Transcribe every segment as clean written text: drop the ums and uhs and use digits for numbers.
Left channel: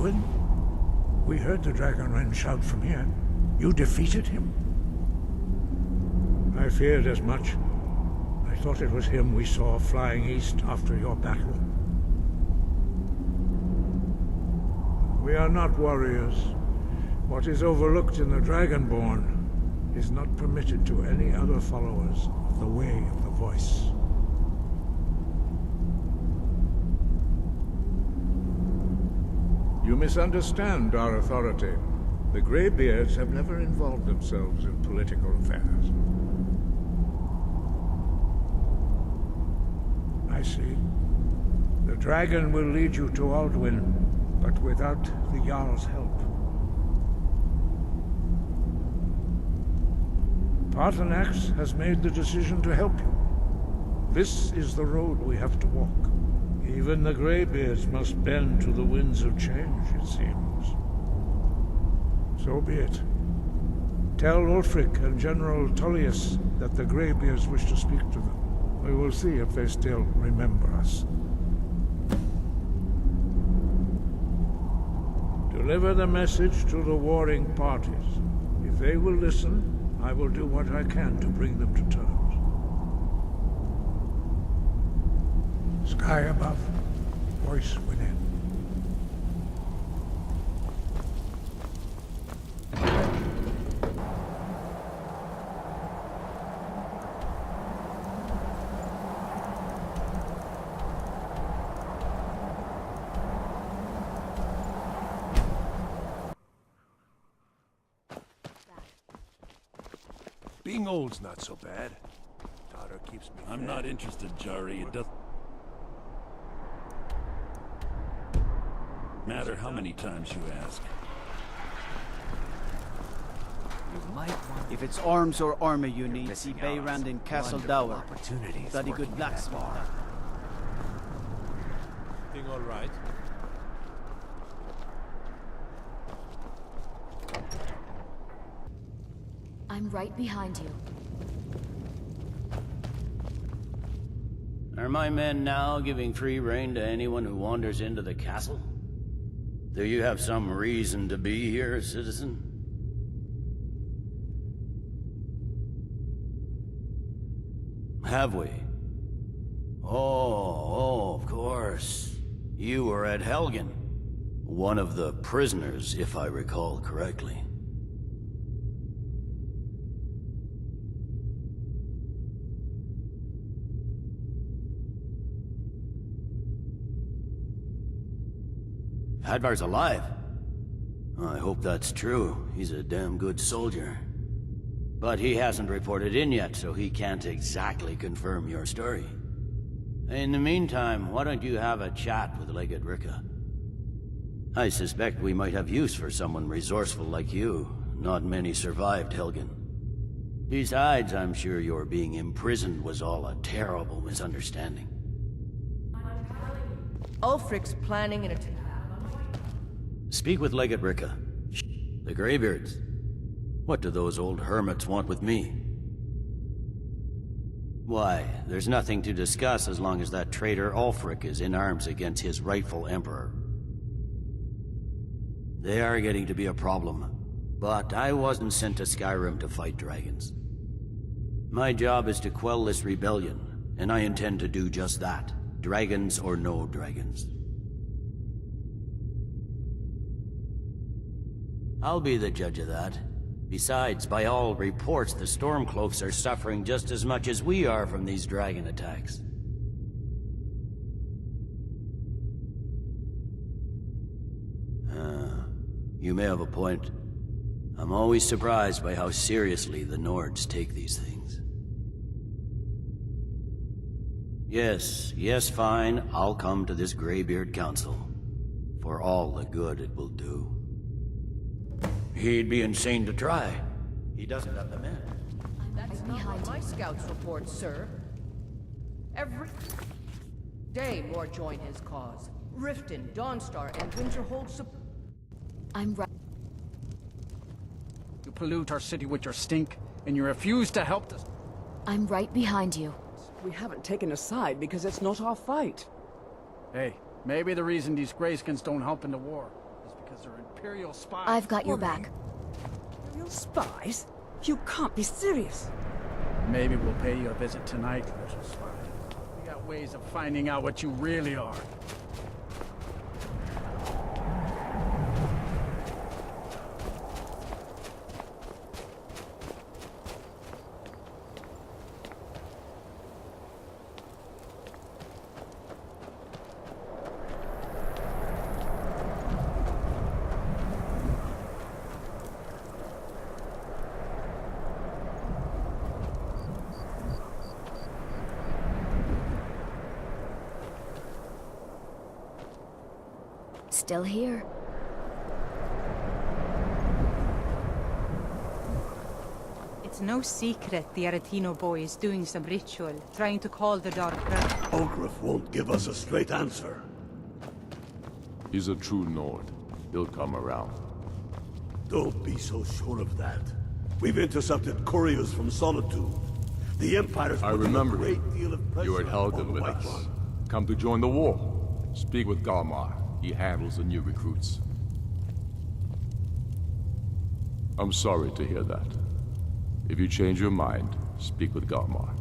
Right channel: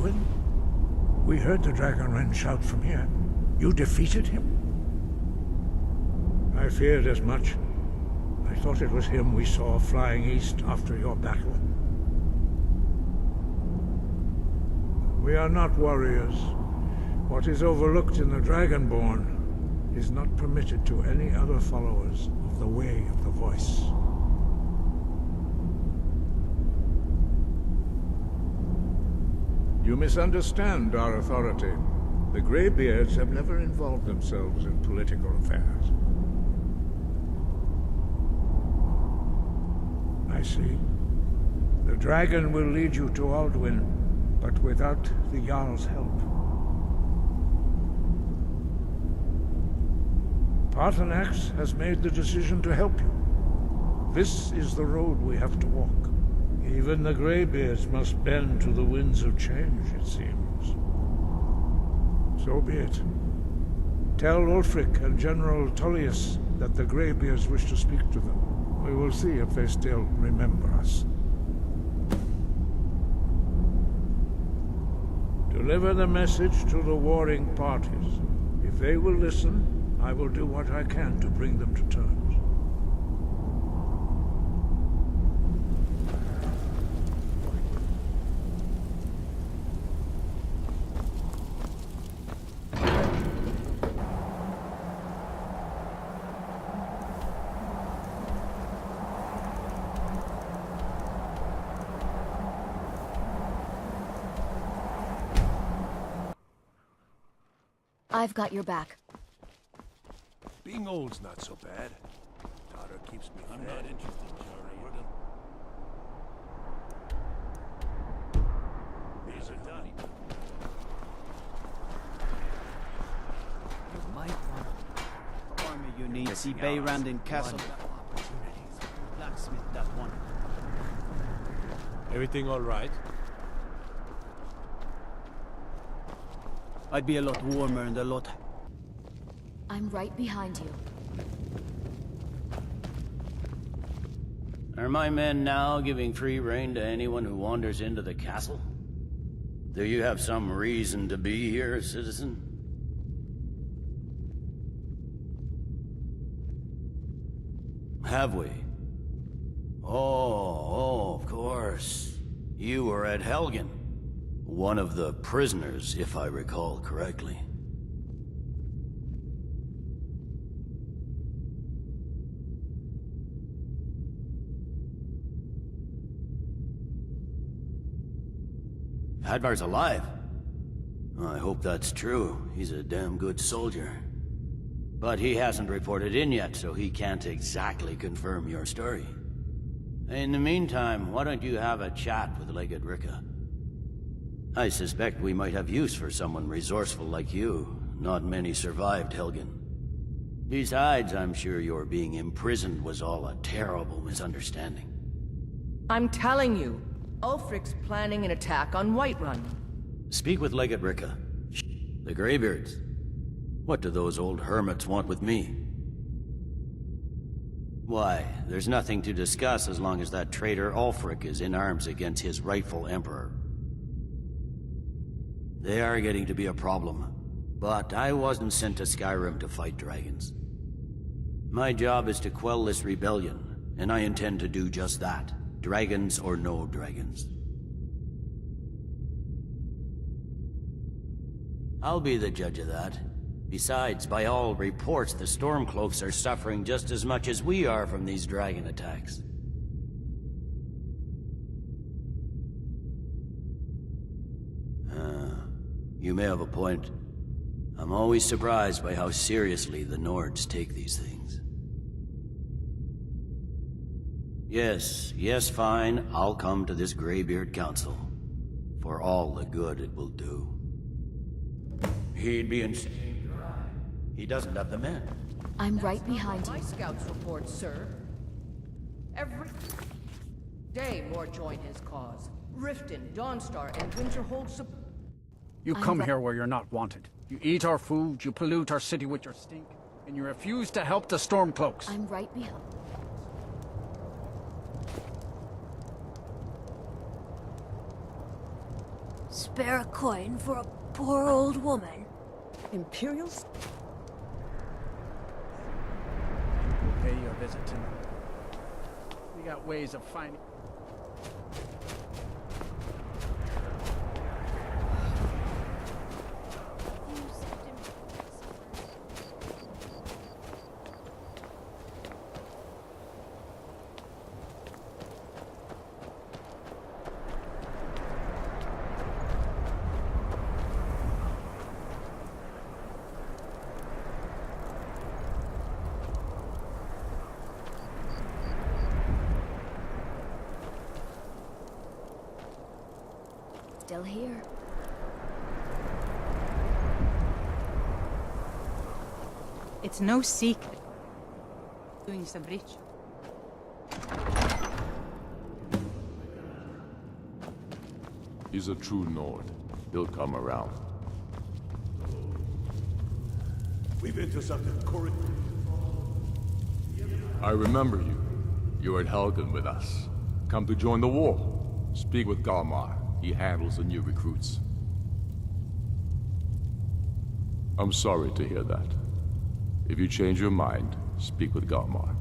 Aldwyn? We heard the Dragonren shout from here. You defeated him? I feared as much. I thought it was him we saw flying east after your battle. We are not warriors. What is overlooked in the Dragonborn is not permitted to any other followers of the Way of the Voice. You misunderstand our authority. The Greybeards have never involved themselves in political affairs. I see. The dragon will lead you to Aldwyn, but without the Jarl's help. Paarthurnax has made the decision to help you. This is the road we have to walk. Even the Greybeards must bend to the winds of change, it seems. So be it. Tell Ulfric and General Tullius that the Greybeards wish to speak to them. We will see if they still remember us. Deliver the message to the warring parties. If they will listen, I will do what I can to bring them to terms. Sky above, voice within. I've got your back. Being old's not so bad. Daughter keeps me fed. I'm not interested, Jari. It doesn't matter how many times you ask. You might want If it's arms or armor you need, see Beyrand in Castle Dower. opportunities. Bloody good blacksmith, that one. Everything all right? I'd be a lot warmer in the lot. I'm right behind you. Are my men now giving free rein to anyone who wanders into the castle? Do you have some reason to be here, citizen? Have we? Oh, of course. You were at Helgen. One of the prisoners, if I recall correctly. Hadvar's alive. I hope that's true. He's a damn good soldier. But he hasn't reported in yet, so he can't exactly confirm your story. In the meantime, why don't you have a chat with Legate Ricka? I suspect we might have use for someone resourceful like you. Not many survived Helgen. Besides, I'm sure your being imprisoned was all a terrible misunderstanding. I'm telling you, Ulfric's planning an attack on Whiterun. Speak with Legate Ricka. The Greybeards. What do those old hermits want with me? Why, there's nothing to discuss as long as that traitor Ulfric is in arms against his rightful emperor. They are getting to be a problem, but I wasn't sent to Skyrim to fight dragons. My job is to quell this rebellion, and I intend to do just that, dragons or no dragons. I'll be the judge of that. Besides, by all reports, the Stormcloaks are suffering just as much as we are from these dragon attacks. You may have a point. I'm always surprised by how seriously the Nords take these things. Yes, fine. I'll come to this Greybeard Council. For all the good it will do. He'd be insane to try. He doesn't have the men. I'm right behind That's not what you. my scouts report, sir. Every day more join his cause. Riften, Dawnstar, and Winterhold You I'm come ri- here where you're not wanted. You eat our food, you pollute our city with your stink, and you refuse to help the Stormcloaks. I'm right behind you. We haven't taken a side because it's not our fight. Hey, Maybe the reason these Greyskins don't help in the war. Spare a coin for a Imperial poor I've old got your woman. back. Imperial spies? You can't be serious. Maybe we'll pay you a visit tonight. We got ways of finding out what you really are. Still here. It's no secret the Aretino boy is doing some ritual, trying to call the dark earth. Ogrif won't give us a straight answer. He's a true Nord. He'll come around. Don't be so sure of that. We've intercepted couriers from Solitude. The Empire's... I remember a you. great deal of pressure You were at Helgen on with White us. One. Come to join the war. Speak with Galmar. He handles the new recruits. I'm sorry to hear that. If you change your mind, speak with Galmar.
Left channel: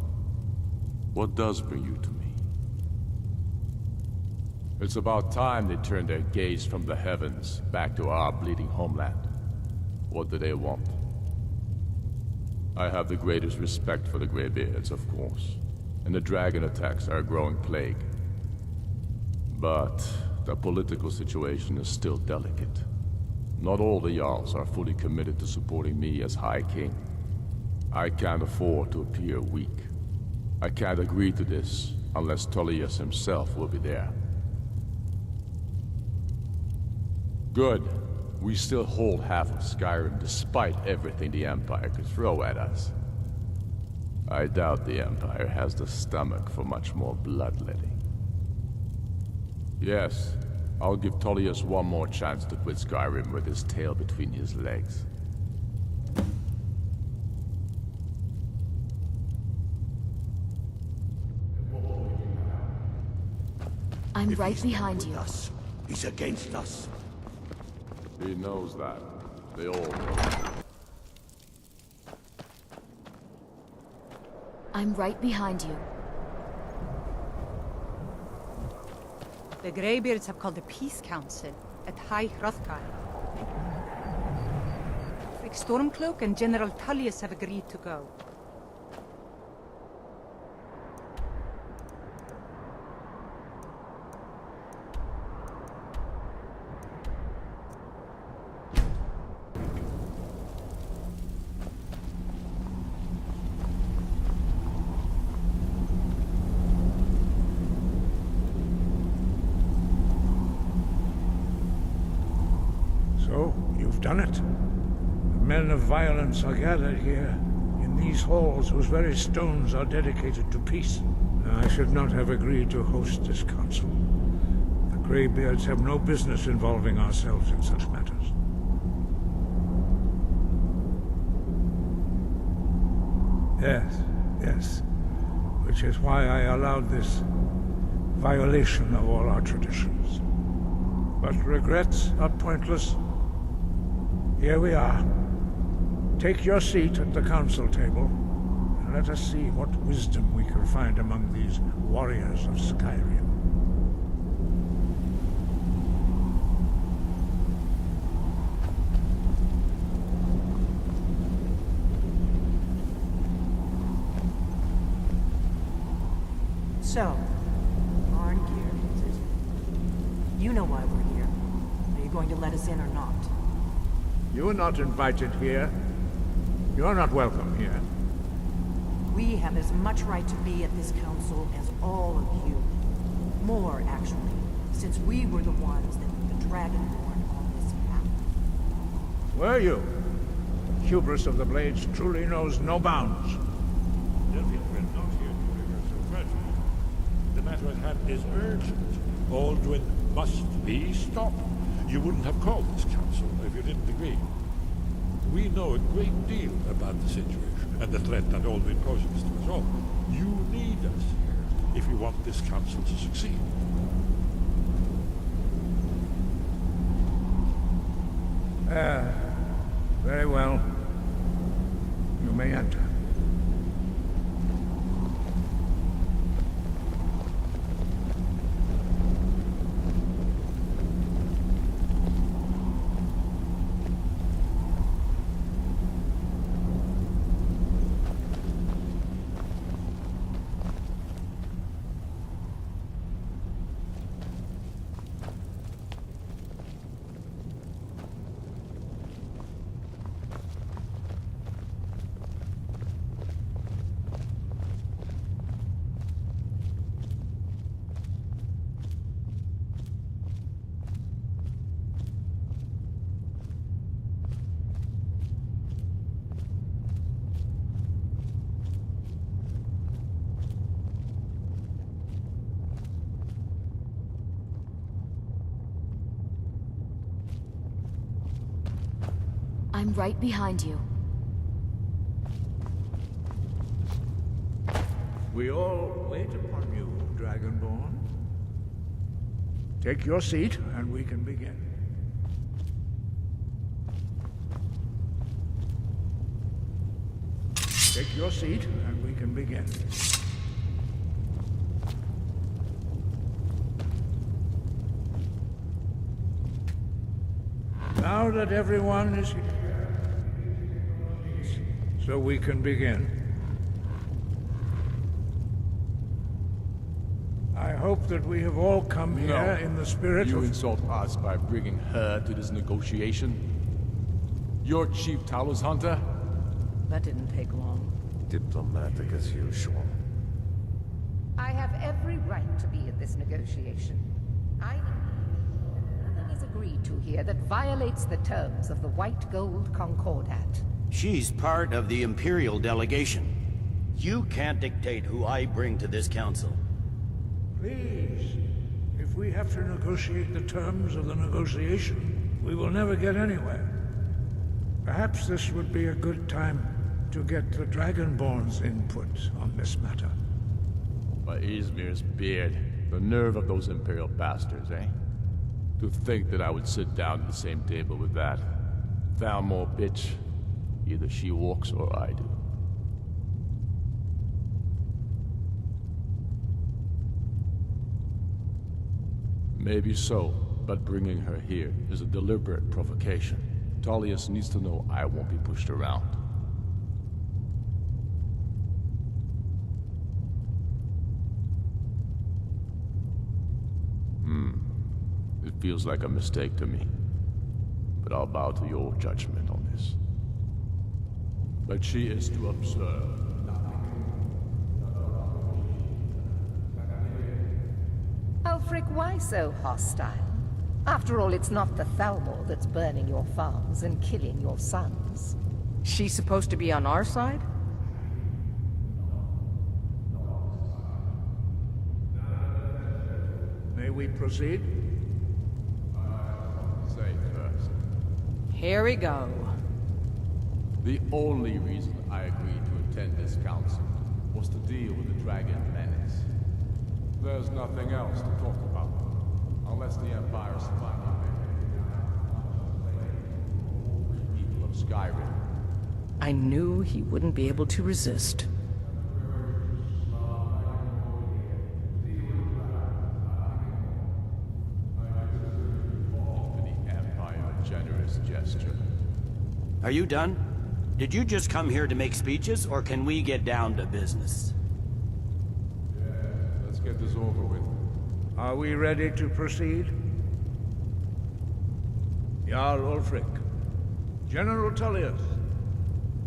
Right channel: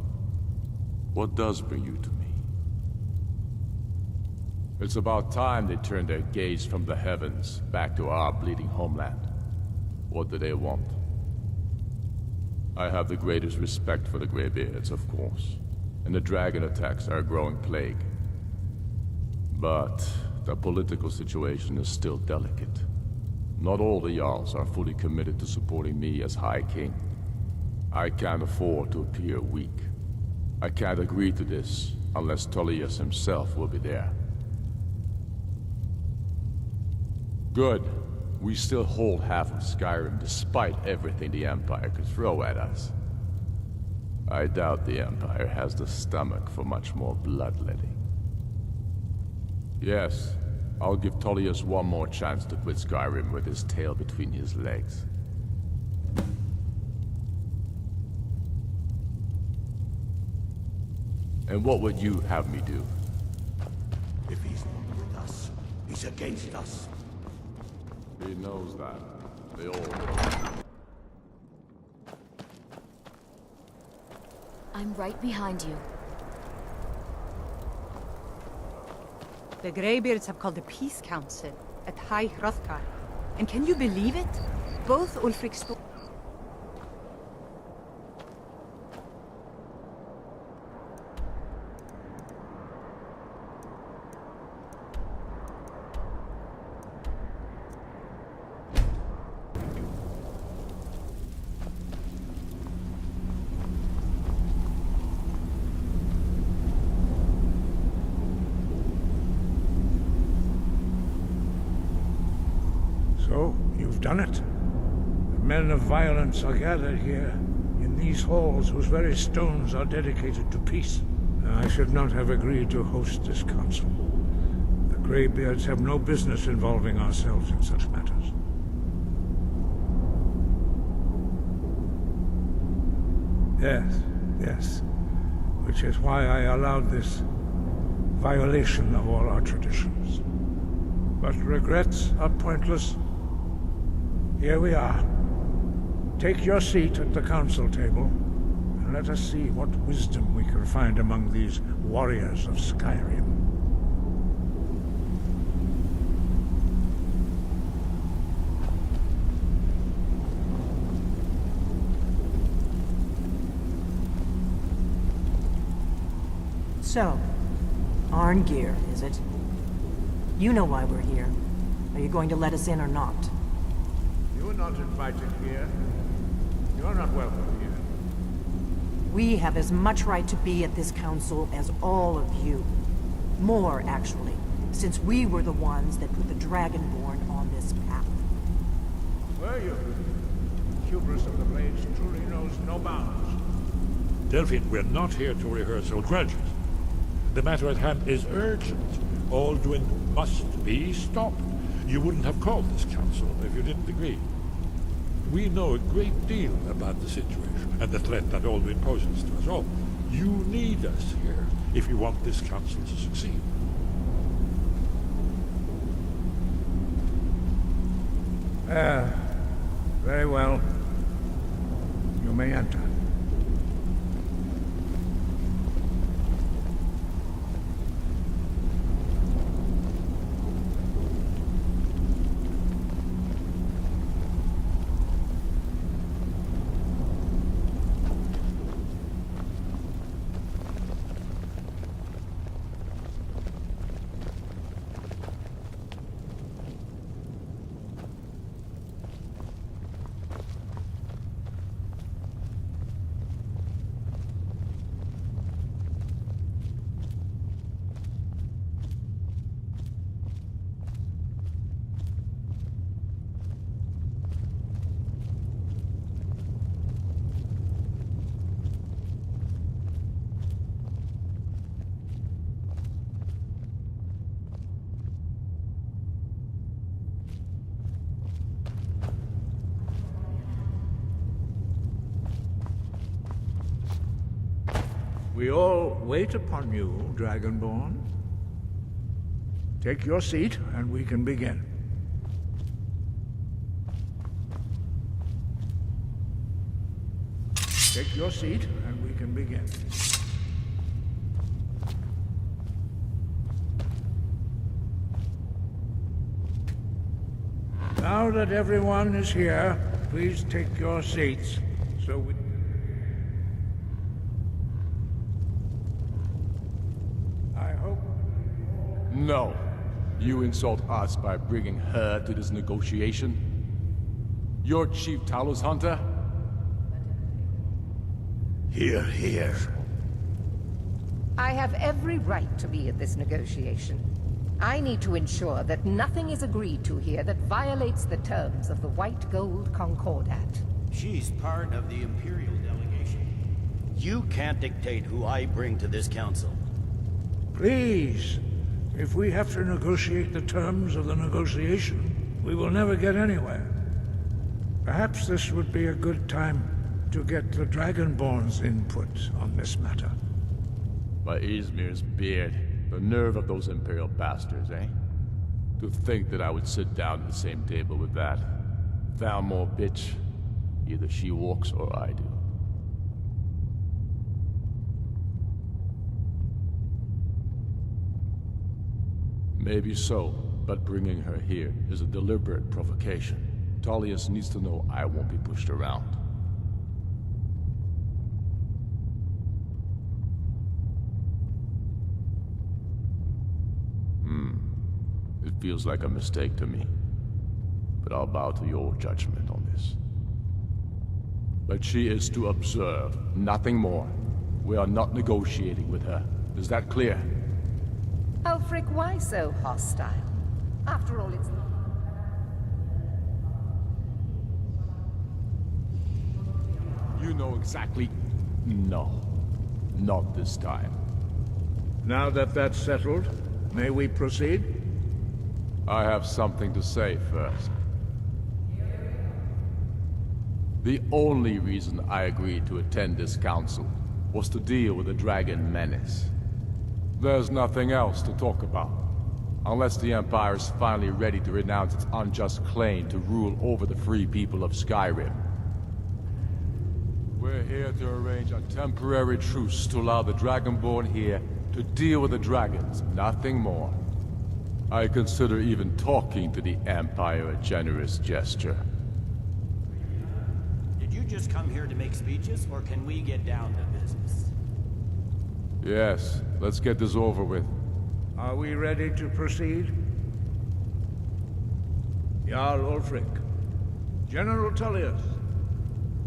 What does bring you to me? It's about time they turned their gaze from the heavens back to our bleeding homeland. What do they want? I have the greatest respect for the Greybeards, of course, and the dragon attacks are a growing plague. But the political situation is still delicate. Not all the Jarls are fully committed to supporting me as High King. I can't afford to appear weak. I can't agree to this unless Tullius himself will be there. Good. We still hold half of Skyrim despite everything the Empire could throw at us. I doubt the Empire has the stomach for much more bloodletting. Yes, I'll give Tullius one more chance to quit Skyrim with his tail between his legs. And what would you have me do? I'm If right he's not behind with you. us, he's against us. He knows that. They all know. I'm right behind you. The Greybeards have called a peace council at High Hrothgar. And can you believe it? Both Ulfric Stormcloak and General Tullius have agreed to go. So, you've done it. The men of violence are gathered here, in these halls whose very stones are dedicated to peace. I should not have agreed to host this council. The Greybeards have no business involving ourselves in such matters. Yes. Which is why I allowed this violation of all our traditions. But regrets are pointless. Here we are. Take your seat at the council table, and let us see what wisdom we can find among these warriors of Skyrim. So, Arngeir, is it? You know why we're here. Are you going to let us in or not? You are not invited here. You are not welcome here. We have as much right to be at this council as all of you. More, actually, since we were the ones that put the Dragonborn on this path. Were you? Hubris of the Blades truly knows no bounds. Delphine, we're not here to rehearse old grudges. The matter at hand is urgent. Alduin must be stopped. You wouldn't have called this council if you didn't agree. We know a great deal about the situation and the threat that Alduin poses to us all. You need us here if you want this council to succeed. Very well. You may enter. I'm right behind you. We all wait upon you, Dragonborn. Take your seat, and we can begin. Take your seat, and we can begin. Now that everyone is here, please take your seats so we can begin. I hope that we have all come here in the spirit You of... insult us by bringing her to this negotiation? You're Chief Talos Hunter? That didn't take long. Here. I have every right to be at this negotiation. I need to ensure that nothing is agreed to here that violates the terms of the White Gold Concordat. She's part of the Imperial delegation. You can't dictate who I bring to this council. Please, if we have to negotiate the terms of the negotiation, we will never get anywhere. Perhaps this would be a good time to get the Dragonborn's input on this matter. By Izmir's beard. The nerve of those Imperial bastards, eh? To think that I would sit down at the same table with that. Thalmor bitch. Either she walks or I do. Maybe so, but bringing her here is a deliberate provocation. Tullius needs to know I won't be pushed around. It feels like a mistake to me. But I'll bow to your judgment on this. But she is to observe, nothing more. We are not negotiating with her. Is that clear? Ulfric, why so hostile? After all, it's not the Thalmor that's burning your farms and killing your sons. She's supposed to be on our side? You know exactly... No. Not this time. Now that that's settled, may we proceed? I have something to say first. Here we go. The only reason I agreed to attend this council was to deal with the dragon menace. There's nothing else to talk about. Unless the Empire is finally ready to renounce its unjust claim to rule over the free people of Skyrim. I knew he wouldn't be able to resist. We're here to arrange a temporary truce to allow the Dragonborn here to deal with the dragons, nothing more. I consider even talking to the Empire a generous gesture. Are you done? Did you just come here to make speeches, or can we get down to business? Yes, let's get this over with. Are we ready to proceed? Jarl Ulfric, General Tullius,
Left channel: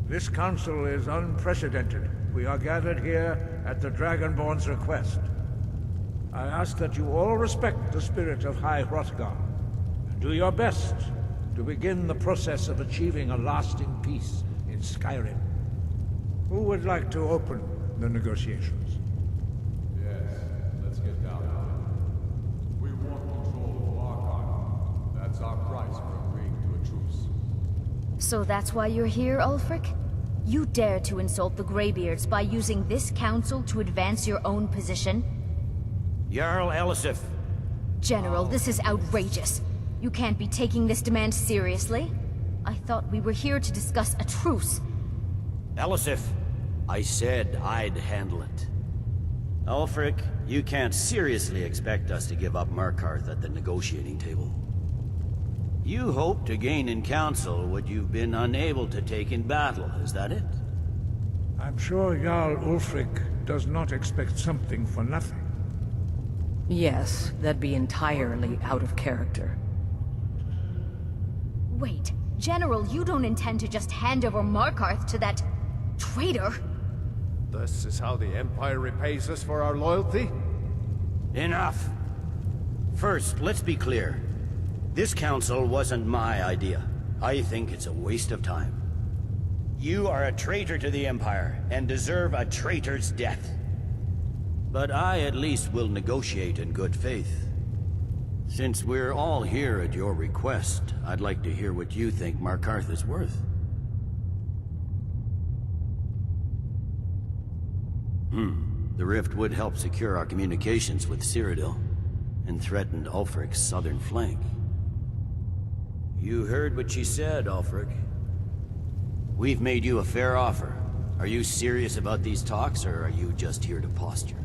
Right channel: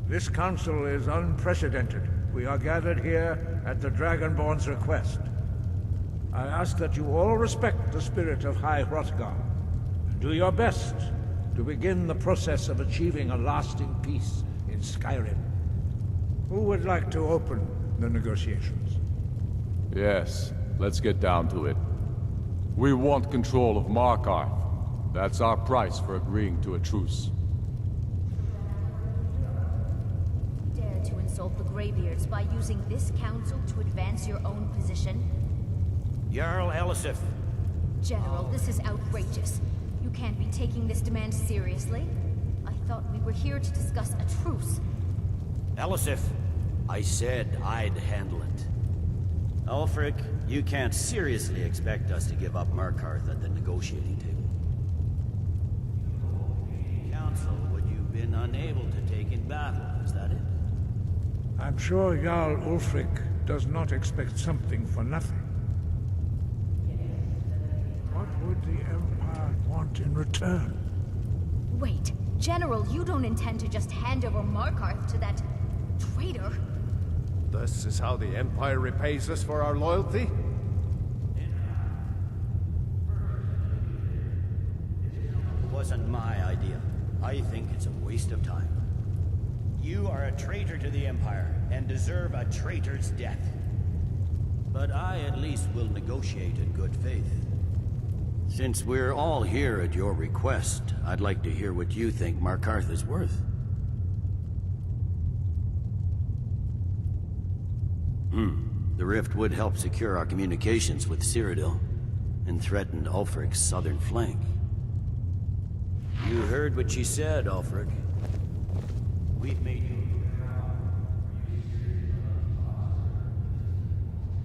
this council is unprecedented. We are gathered here at the Dragonborn's request. I ask that you all respect the spirit of High Hrothgar, and do your best to begin the process of achieving a lasting peace in Skyrim. Who would like to open the negotiations? Yes, let's get down to it. We want control of Markarth. That's our price for agreeing to a truce. So that's why you're here, Ulfric? You dare to insult the Greybeards by using this council to advance your own position? Jarl Elisif. General, this is outrageous. You can't be taking this demand seriously. I thought we were here to discuss a truce. Elisif, I said I'd handle it. Ulfric, you can't seriously expect us to give up Markarth at the negotiating table. You hoped to gain in council what you've been unable to take in battle, is that it? I'm sure Jarl Ulfric does not expect something for nothing. Yes, that'd be entirely out of character. Want in return? Wait, General, you don't intend to just hand over Markarth to that traitor? This is how the Empire repays us for our loyalty? Enough. First, let's be clear. This council wasn't my idea. I think it's a waste of time. You are a traitor to the Empire, and deserve a traitor's death. But I at least will negotiate in good faith. Since we're all here at your request, I'd like to hear what you think Markarth is worth. The rift would help secure our communications with Cyrodiil, and threatened Ulfric's southern flank. You heard what she said, Ulfric. We've made you a fair offer. Are you serious about these talks, or are you just here to posture?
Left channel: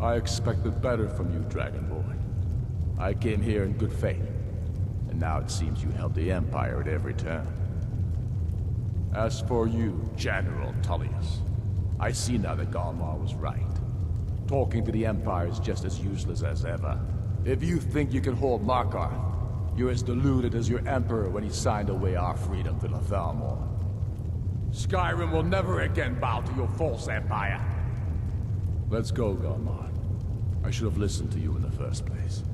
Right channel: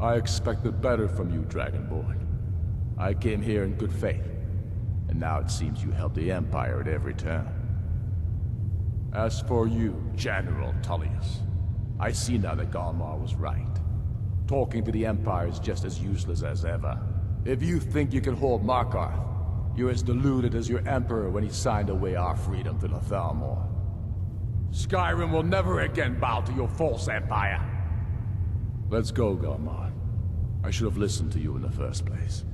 I expected better from you, Dragonborn. I came here in good faith, and now it seems you help the Empire at every turn. As for you, General Tullius, I see now that Galmar was right. Talking to the Empire is just as useless as ever. If you think you can hold Markarth, you're as deluded as your Emperor when he signed away our freedom to the Thalmor. Skyrim will never again bow to your false empire. Let's go, Galmar. I should have listened to you in the first place.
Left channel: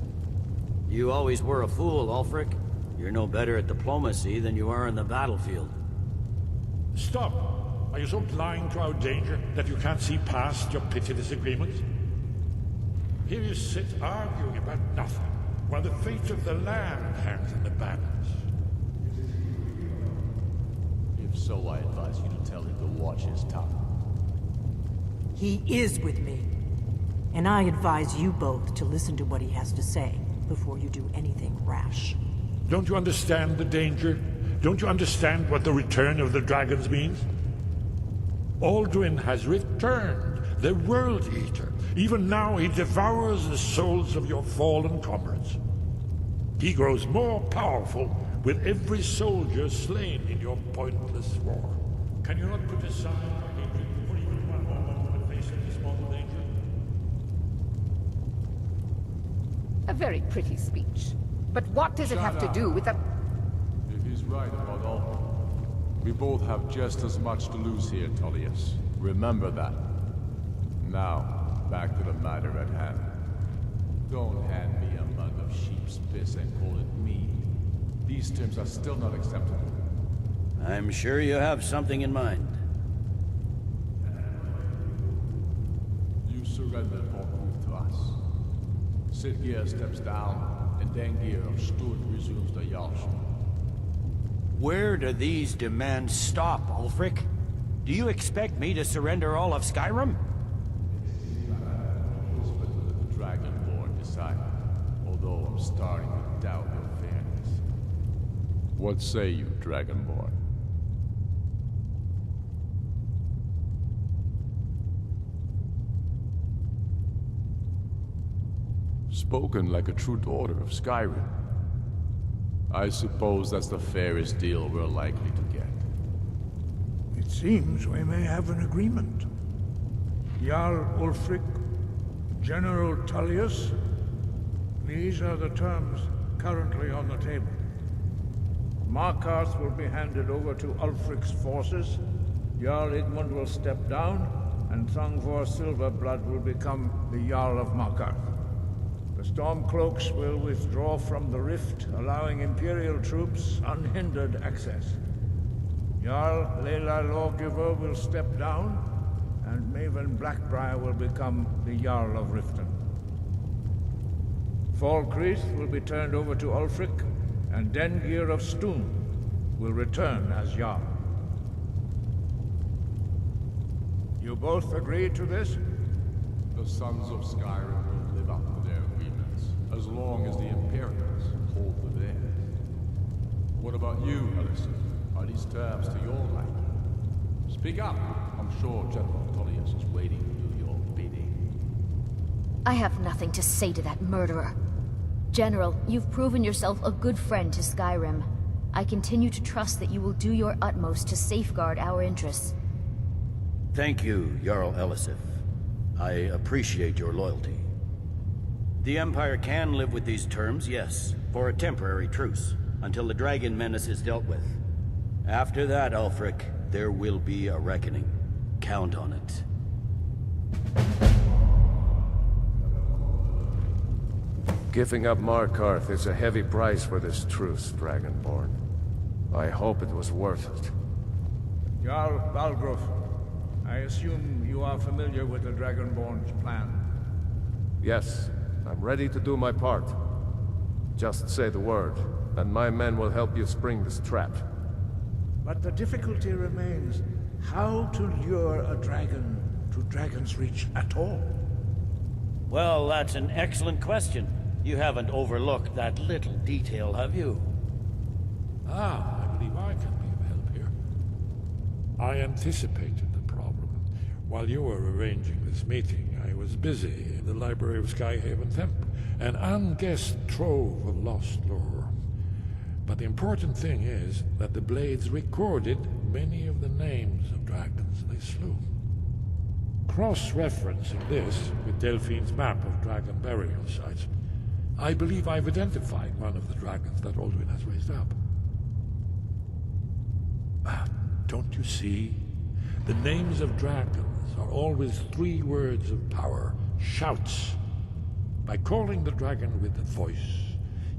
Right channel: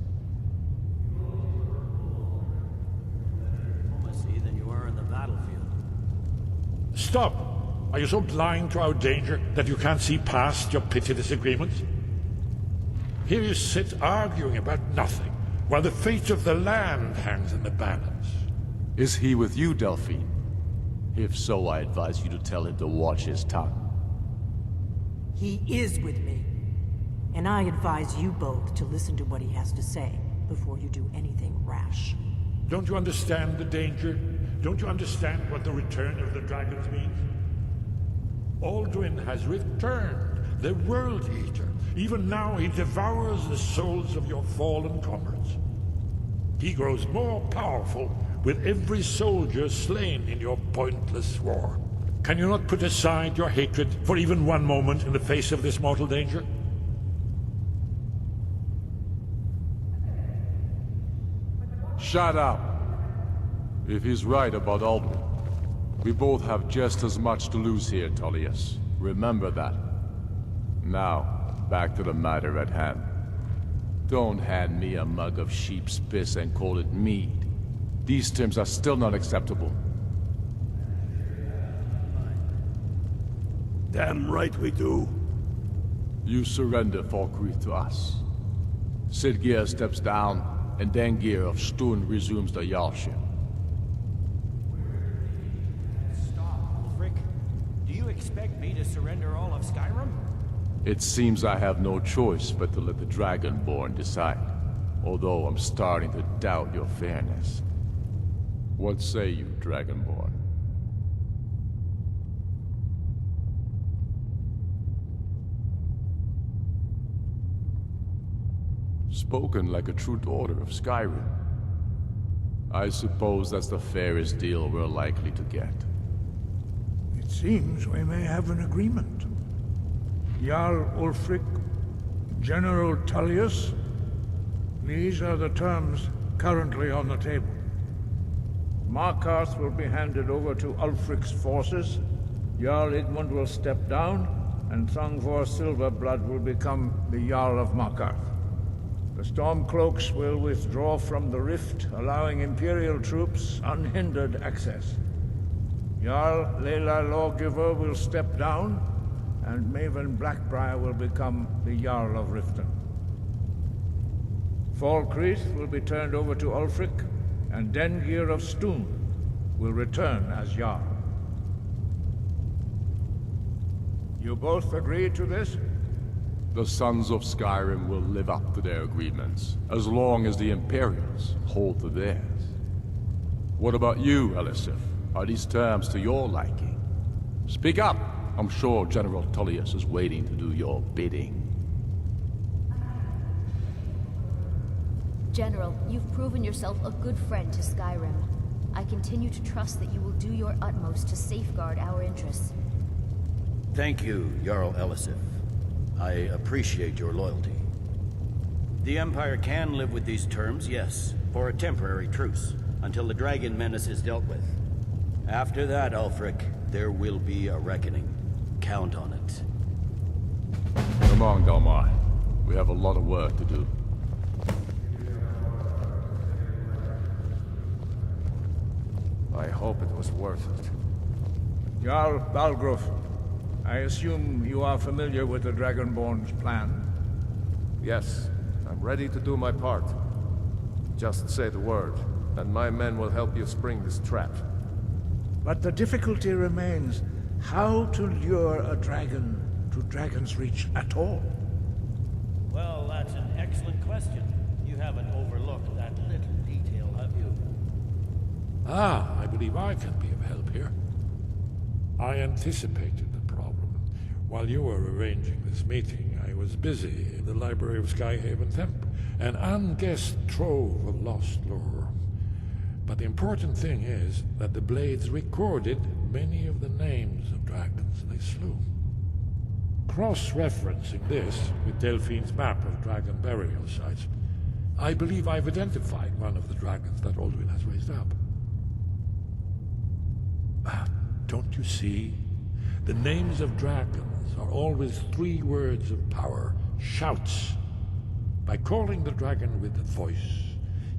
You always were a fool, Ulfric. You're no better at diplomacy than you are in the battlefield. Stop! Are you so blind to our danger that you can't see past your petty disagreements? Here you sit arguing about nothing, while the fate of the land hangs in the balance. Is he with you, Delphine? If so, I advise you to tell him to watch his tongue. He is with me. And I advise you both to listen to what he has to say before you do anything rash. Don't you understand the danger? Don't you understand what the return of the dragons means? Alduin has returned, the World Eater. Even now he devours the souls of your fallen comrades. He grows more powerful with every soldier slain in your pointless war. Can you not put aside your hatred for even one moment in the face of this mortal danger? A very pretty speech. But what does Shut it have up. to do with the... If he's right about Alduin, we both have just as much to lose here, Tullius. Remember that. Now, back to the matter at hand. Don't hand me a mug of sheep's piss and call it mead. These terms are still not acceptable. I'm sure you have something in mind. Damn right we do. You surrender Falkreath to us. Sidgeir steps down, and Dengir of Stun resumes the Jarlship. Where do these demands stop, Ulfric? Do you expect me to surrender all of Skyrim? It seems I have no choice but to let the Dragonborn decide. Although I'm starting to doubt your fairness. What say you, Dragonborn? Spoken like a true daughter of Skyrim. I suppose that's the fairest deal we're likely to get. It seems we may have an agreement. Jarl Ulfric, General Tullius, these are the terms currently on the table. Markarth will be handed over to Ulfric's forces, Jarl Igmund will step down, and Thongvor Silverblood will become the Jarl of Markarth. The Stormcloaks will withdraw from the rift, allowing Imperial troops unhindered access. Jarl Leila Lawgiver will step down, and Maven Blackbriar will become the Jarl of Riften. Falkreath will be turned over to Ulfric, and Dengir of Stun will return as Jarl. You both agree to this? The Sons of Skyrim will live up to their agreements, as long as the Imperials hold to theirs. What about you, Elisif? Are these terms to your liking? Speak up! I'm sure General Tullius is waiting to do your bidding. I have nothing to say to that murderer. General, you've proven yourself a good friend to Skyrim. I continue to trust that you will do your utmost to safeguard our interests. Thank you, Jarl Elisif. I appreciate your loyalty. The Empire can live with these terms, yes, for a temporary truce, until the dragon menace is dealt with. After that, Ulfric, there will be a reckoning. Count on it. Come on, Galmar. We have a lot of work to do. Giving up Markarth is a heavy price for this truce, Dragonborn. I hope it was worth it. Jarl Balgruf, I assume you are familiar with the Dragonborn's plan? Yes, I'm ready to do my part. Just say the word, and my men will help you spring this trap. But the difficulty remains how to lure a dragon to Dragon's Reach at all. Well, that's an excellent question. You haven't overlooked that little detail, have you? Ah, I believe I can be of help here. I anticipated the problem. While you were arranging this meeting, I was busy in the library of Skyhaven Temple, an unguessed trove of lost lore. But the important thing is that the Blades recorded many of the names of dragons they slew. Cross-referencing this with Delphine's map of dragon burial sites, I believe I've identified one of the dragons that Alduin has raised up. Don't you see? The names of dragons are always 3 words of power, shouts. By calling the dragon with a voice,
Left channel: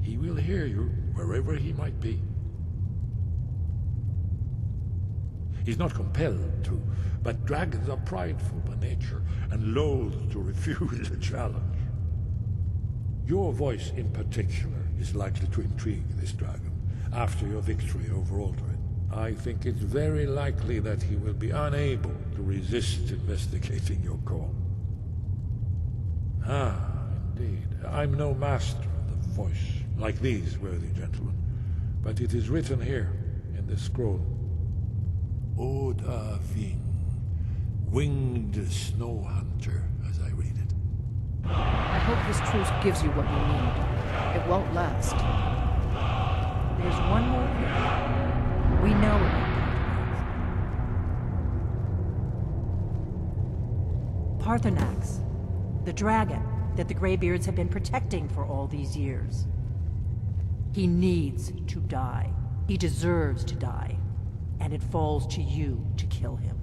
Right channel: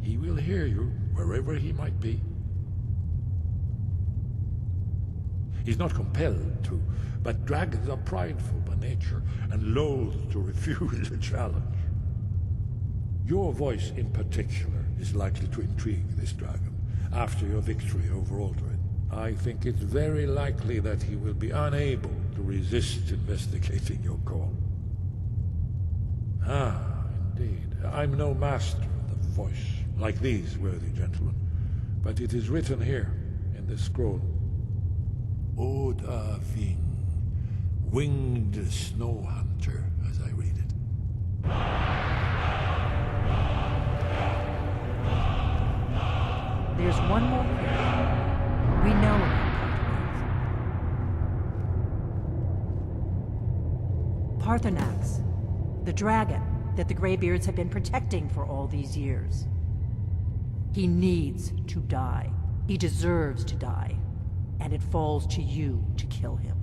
he will hear you wherever he might be. He's not compelled to, but dragons are prideful by nature and loath to refuse a challenge. Your voice in particular is likely to intrigue this dragon after your victory over Alduin. I think it's very likely that he will be unable to resist investigating your call. Ah, indeed. I'm no master of the voice, like these worthy gentlemen, but it is written here in this scroll. Oda Ving, winged snow hunter, as I read it. I hope this truce gives you what you need. It won't last. There's one more thing. We know about Paarthurnax, the dragon that the Greybeards have been protecting for all these years. He needs to die. He deserves to die. And it falls to you to kill him.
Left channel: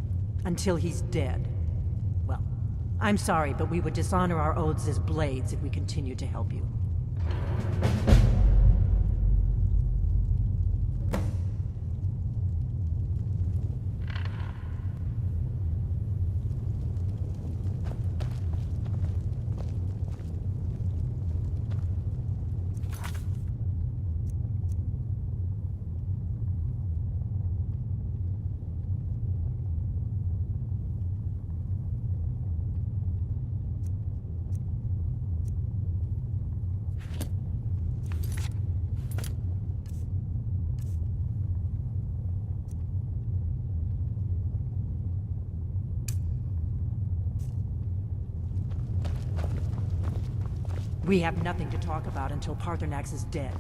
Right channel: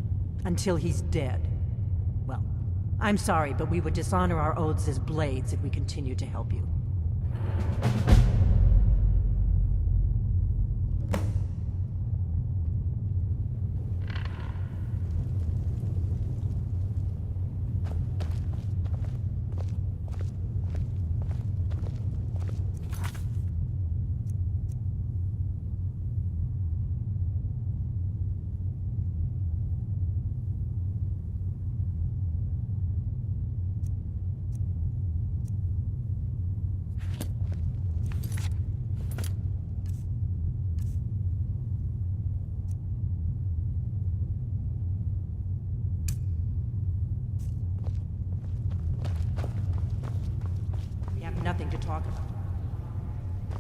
Until he's dead. Well, I'm sorry, but we would dishonor our oaths as Blades if we continue to help you. We have nothing to talk about until Paarthurnax is dead.